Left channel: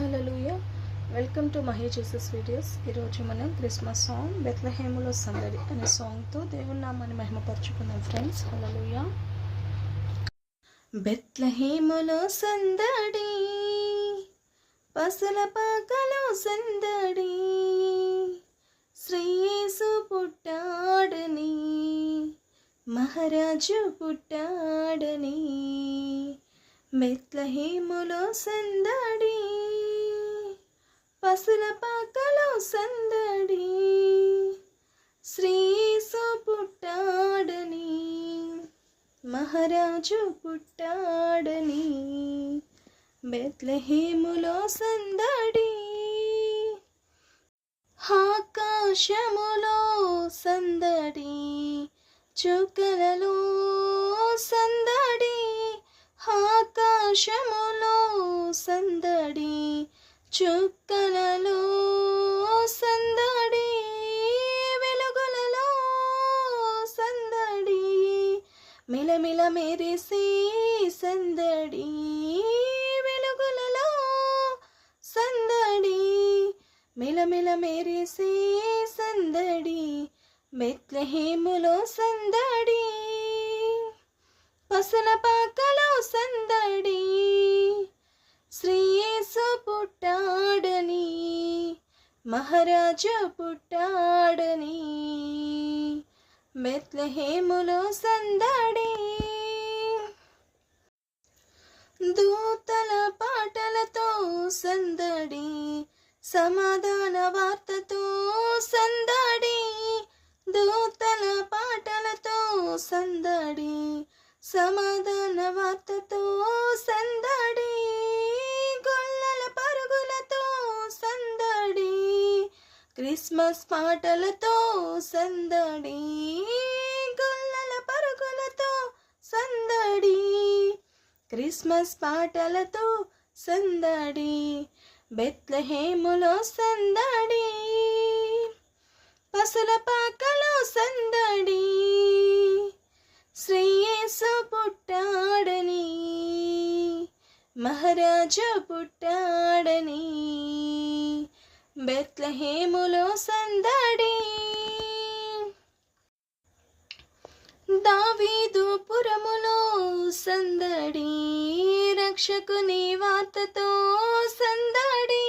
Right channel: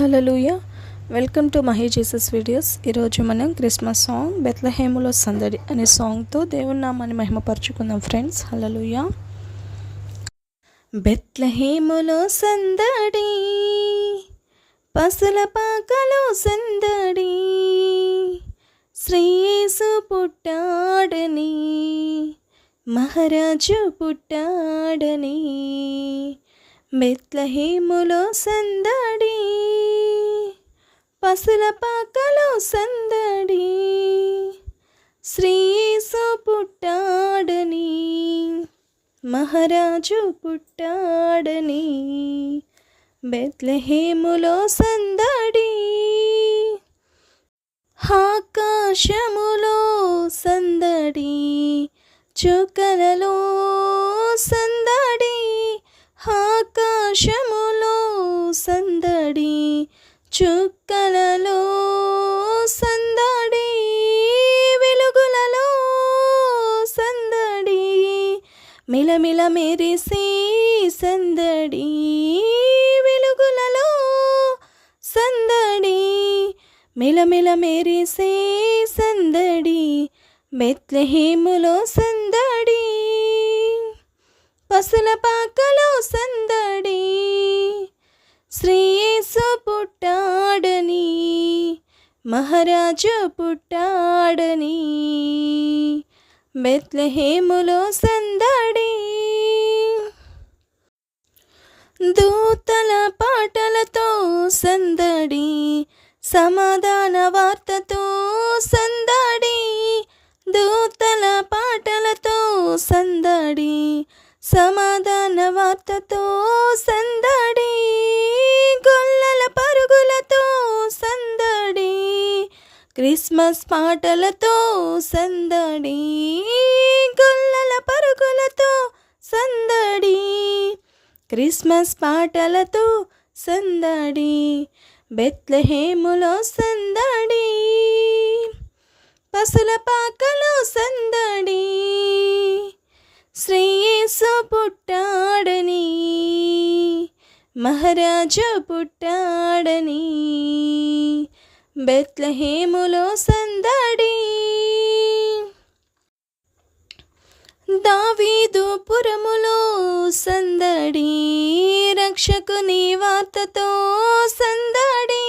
Hallelujah. Welcome to Mahi Jesus videos. ఈరోజు మనం Christmas song బెత్లెహేములో సందడి అనే సాంగ్తో దేవుని నామాన్ని మహిమపరచుకుందాం ఫ్రెండ్స్. హల్లెలూయా. బెత్లెహేములో సందడి, పసుల పాకలో సందడి, శ్రీ యేసు పుట్టాడని, మహారాజు పుట్టాడని. బెత్లెహేములో సందడి, పసుల పాకలో సందడి, శ్రీ యేసు పుట్టాడని, మహారాజు పుట్టాడని. బెత్లెహేములో సందడి, ఆకాశములో సందడి, చుక్కలలో సందడి, ఆకాశములో సందడి, చుక్కలలో సందడి, వెలుగులలో సందడి, మిలమిల మెరిసే సందడి, వెలుగులలో సందడి, మిలమిల మెరిసే సందడి. బెత్లెహేములో సందడి, పసుల పాకలో సందడి, శ్రీ యేసు పుట్టాడని, మహారాజు పుట్టాడని. బెత్లెహేములో సందడి, దూతల పాటలతో సందడి, సమాధాన వార్తతో సందడి, దూతల పాటలతో సందడి, సమాధాన వార్తతో సందడి, గొల్లల పరుగులతో సందడి, క్రిస్మస్ పాటలతో సందడి, గొల్లల పరుగులతో సందడి, క్రిస్మస్ పాటలతో సందడి. బెత్లెహేములో సందడి, పసుల పాకలో సందడి, శ్రీ యేసు పుట్టాడని, మహారాజు పుట్టాడని. బెత్లెహేములో సందడి, దావీదు పురములో సందడి, రక్షకుని వార్తతో సందడి,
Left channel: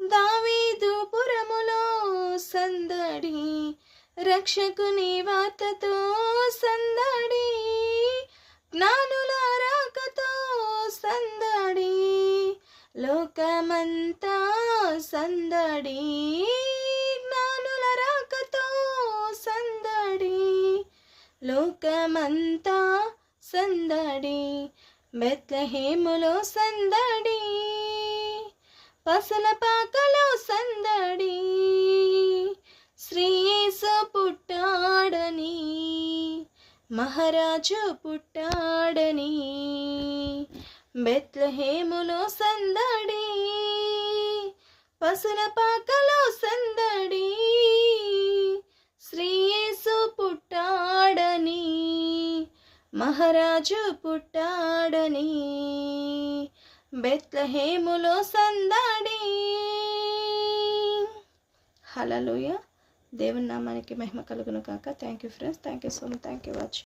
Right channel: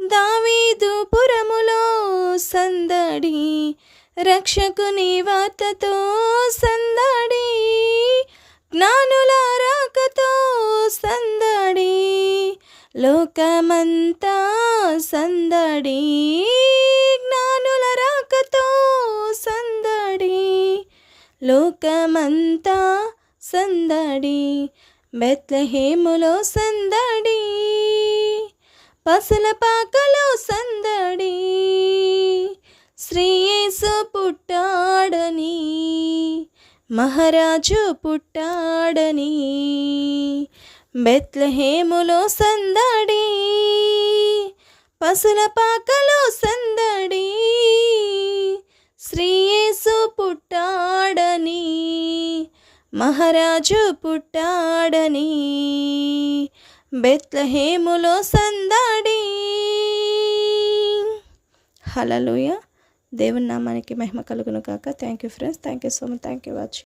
దావీదు పురములో సందడి, రక్షకుని వార్తతో సందడి, జ్ఞానుల రాకతో సందడి, లోకమంతా సందడి, జ్ఞానుల రాకతో సందడి, లోకమంతా సందడి. బెత్లెహేములో సందడి, పసుల పాకలో సందడి, శ్రీ యేసు పుట్టాడని, మహారాజు పుట్టాడని. బెత్లెహేములో సందడి, పసుల పాకలో సందడి, శ్రీ యేసు పుట్టాడని, మహారాజు పుట్టాడని. బెత్లెహేములో సందడి. హల్లెలూయా. దేవుని నామానికి మహిమ కలుగును కాక. Thank you friends. Thank you so much. Thank you watching.